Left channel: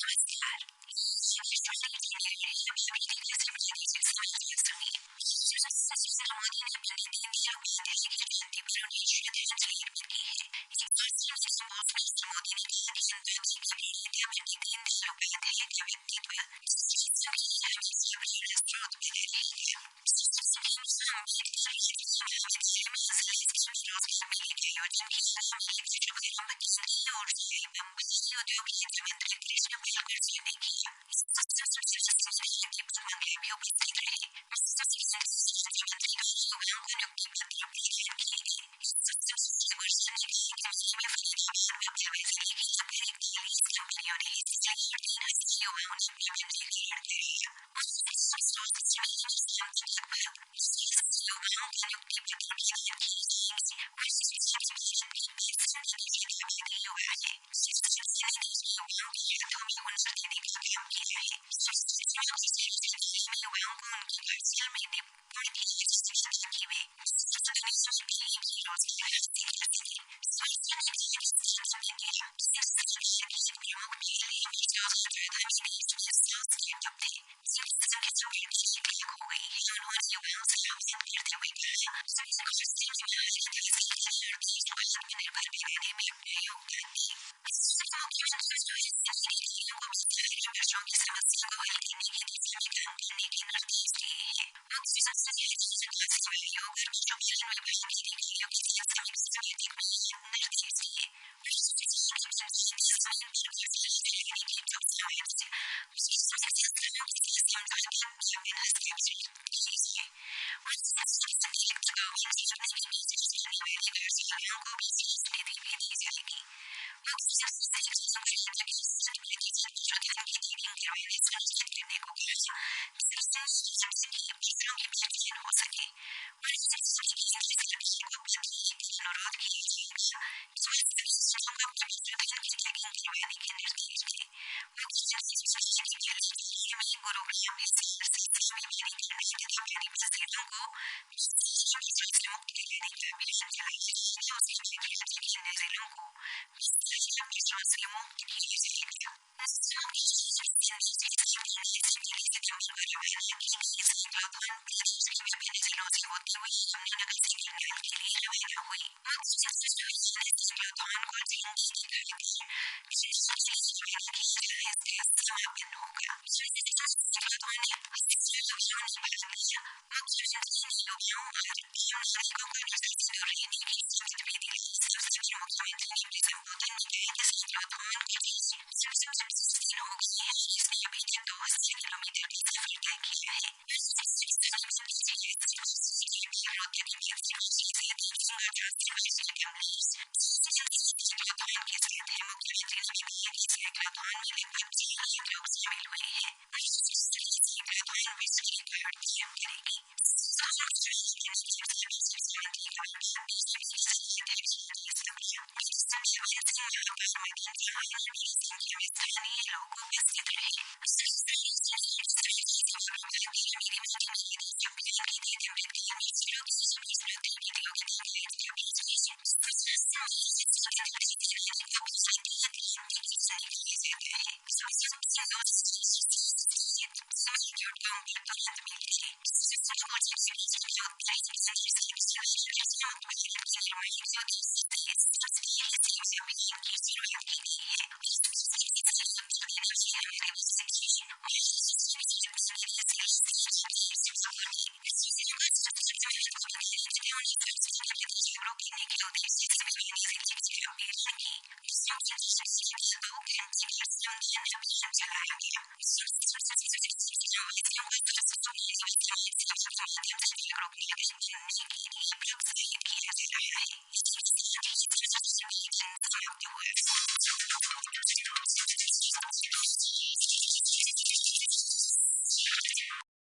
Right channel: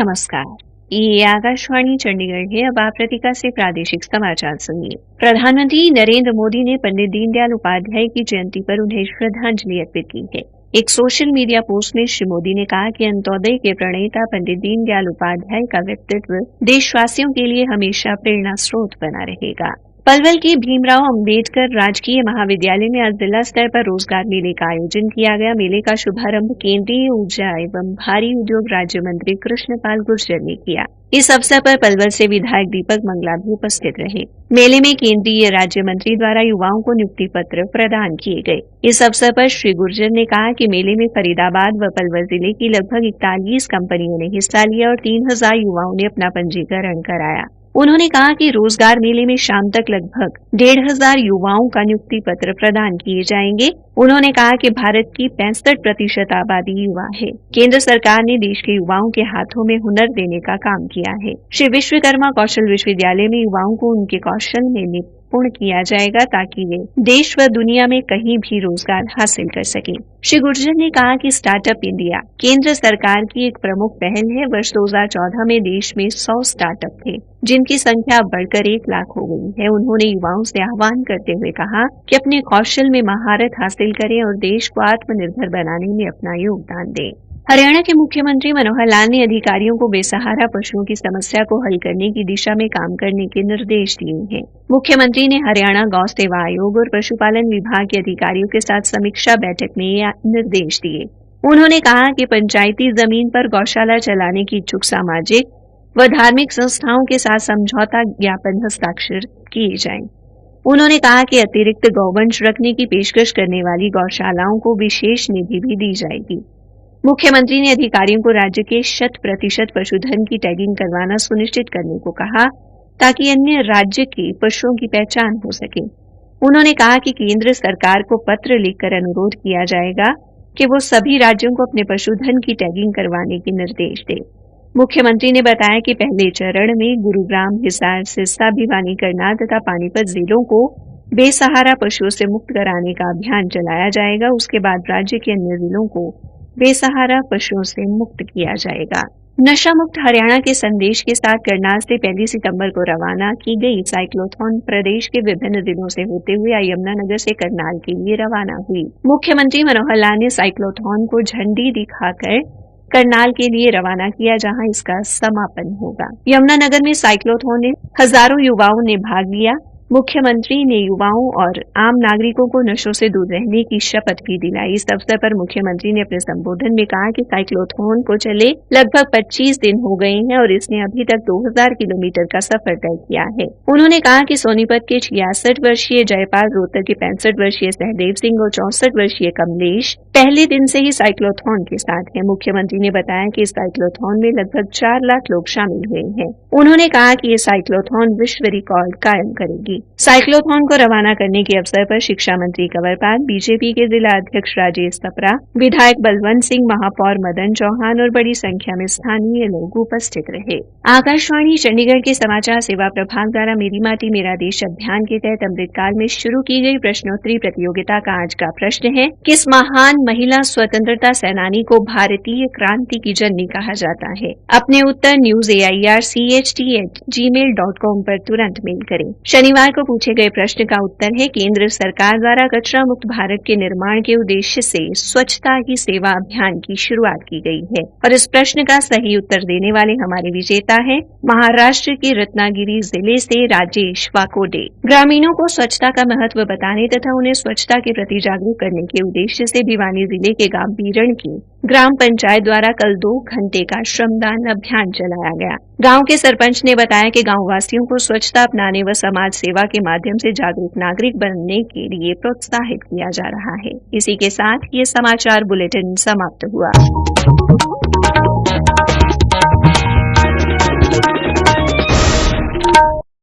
नमस्कार, ये आकाशवाणी चंडीगढ़ है। अब आप रतिका से प्रादेशिक समाचार सुनिए। प्रधानमंत्री नरेंद्र मोदी ने पंडित दीनदयाल उपाध्याय की जयंती पर उन्हें श्रद्धांजलि अर्पित की है। एक सोशल मीडिया पोस्ट में श्री मोदी ने कहा कि अंत्योदय के प्रणेता पंडित दीनदयाल उपाध्याय का व्यक्तित्व देशवासियों के लिए हमेशा प्रेरणा स्रोत बना रहेगा। पलवल के भीमराव अंबेडकर राजकीय महाविद्यालय में आज जिला स्तर पर रोजगार मेले का आयोजन किया गया। मेले का शुभारंभ केंद्रीय ऊर्जा एवं भारी उद्योग राज्य मंत्री कृष्णपाल गुर्जर ने किया। इस अवसर पर पलवल से विधायक दीपक मंगला भी उपस्थित रहे। मेले में केंद्रीय राज्य मंत्री द्वारा युवाओं को नियुक्ति पत्र प्रदान किए गए। इस अवसर पर श्री गुर्जर ने कहा कि मेले में फरीदाबाद व पलवल जिले की लगभग 41 कंपनियों ने हिस्सा लिया और 3000 युवाओं ने अपना पंजीकरण कराया। उन्होंने कहा कि रोजगार मेले में शाम तक लगभग 1500 युवाओं का नियुक्ति पत्र प्रदान किए जाएंगे। उन्होंने कहा कि भारत की 65% आबादी युवा है। केंद्र सरकार ने देश के युवाओं के हाथों में हुनर देने का काम किया है। श्री विश्वकर्मा कौशल विश्वविद्यालय में युवाओं को उनके कौशल में निपुण किया जाएगा ताकि वे देश व दुनिया में कहीं भी रोजगार हासिल कर सकें। श्री गुर्जर ने कहा कि स्टार्टअप इंडिया केंद्र सरकार की एक प्रमुख पहल है। वर्ष 2014 में देश में 100 स्टार्टअप थे, जिनकी संख्या बढ़कर 1 लाख हो गई है। उन्होंने युवाओं से आह्वान करते हुए कहा कि अपने कौशल में महारत हासिल करें और देश को आत्मनिर्भर बनाने में अपना योगदान दें। हरियाणा के मुख्यमंत्री मनोहर लाल ने अधिकारियों को बेसहारा पशुओं की समस्या को हल करने की दिशा में काम करने के निर्देश दिए हैं। मुख्यमंत्री ने हरियाणा गौ सेवा आयोग और पशुपालन विभाग के अधिकारियों के साथ समीक्षा बैठक में ये निर्देश दिए। उन्होंने कहा कि पंचायती जमीन पर गौशाला चलाने की इच्छुक सामाजिक व धार्मिक संस्थाओं के साथ समझौता ज्ञापन हस्ताक्षर किए जाएं। उन्होंने कहा कि अतिरिक्त गौवंश रखने की पेशकश करने वाली गौशालाओं को विशेष निधि भी दी जाएगी। मुख्यमंत्री ने अधिकारियों को राज्य के 100% पशुधन की टैगिंग करवाना सुनिश्चित करने को कहा ताकि अन्य राज्य के पशुओं की पहचान हो सके। उन्होंने कहा कि केंद्र सरकार को पत्र लिखकर अनुरोध किया जाएगा कि वो सभी राज्यों को अपने पशुधन की टैगिंग करवाने के निर्देश दे। मुख्यमंत्री ने बताया कि पहले चरण में गुरुग्राम, हिसार, सिरसा, भिवानी, करनाल तथा पानीपत जिलों को बेसहारा पशुओं से मुक्त कराने का अभियान चलाया जाएगा। उसके बाद राज्य के अन्य जिलों को बेसहारा पशुओं से मुक्त किया जाएगा। नशा मुक्त हरियाणा के संदेश के साथ करनाल से 1 सितंबर को रवाना की गई साइक्लोथॉन प्रदेश के विभिन्न जिलों से होते हुए यमुनानगर से करनाल के लिए रवाना हुई। मुख्यमंत्री मनोहर लाल ने साइक्लोथॉन को झंडी दिखाकर करनाल के लिए रवाना किया, जहां इसका समापन होगा। यमुनानगर में साइक्लोथॉन में हजारों युवाओं ने भाग लिया। मुख्यमंत्री ने युवाओं और आम नागरिकों को नशों से दूर रहने की शपथ भी दिलाई। इस अवसर पर मुख्यमंत्री ने अपने संबोधन में कहा कि साइक्लोथॉन को चले लगभग 25 दिन हो गए हैं और इसने अभी तक 2000 किलोमीटर का सफर तय किया है। उन्होंने कहा कि सोनीपत के 66 वर्षीय जयपाल, रोहतक के 65 वर्षीय सहदेव सिंह और 64 वर्षीय कमलेश पहले दिन से ही साइक्लोथॉन के साथ हैं। मुख्यमंत्री ने बताया कि इस साइक्लोथॉन में लगभग 4 लाख लोग शामिल हुए हैं। उन्होंने कहा कि ये साइक्लोथॉन विश्व रिकॉर्ड कायम करेगी। साइक्लोथॉन को रवाना करने के अवसर पर शिक्षा मंत्री कंवरपाल, बीजेपी के जिला अध्यक्ष राजेश सप्रा, विधायक बलवंत सिंह, महापौर मदन चौहान और बड़ी संख्या में स्थानीय लोग उपस्थित रहे। आकाशवाणी चंडीगढ़ के समाचार सेवा प्रभाग द्वारा मेरी माटी मेरा देश अभियान के तहत अमृतकाल में शुरू की गई प्रश्नोत्तरी प्रतियोगिता का आज का प्रश्न है, किस महान महिला स्वतंत्रता सेनानी को भारतीय क्रांति की जननी कहा जाता है? अपने उत्तर newsaircht@gmail.com पर तुरंत मेल करें। शनिवार को पूछे गए प्रश्न का उत्तर है, केंद्र सरकार द्वारा कचरा मुक्त भारत के निर्माण के उद्देश्य से स्वच्छता ही सेवा अभियान की शुरुआत की गई है। और इस प्रश्न का सही उत्तर देने वाले हमारे विजेता हैं महाराष्ट्र के रत्नागिरी जिले से राजेश वाकोडे। ग्रामीणों को स्वच्छता का महत्व बताने तथा उन्हें स्वच्छता के प्रति जागरूक करने के उद्देश्य से भिवानी जिले के गांव बीरण की ग्राम पंचायत द्वारा कल 2 घंटे का श्रमदान अभियान चलाया गया। गांव के सरपंच ने बताया कि गांव वासियों को स्वच्छता अपनाने व समाज सेवा के माध्यम से जागरूक नागरिक बनने के लिए प्रोत्साहित किया जा रहा है। इसी के साथ ये समाचार बुलेटिन समाप्त हुआ।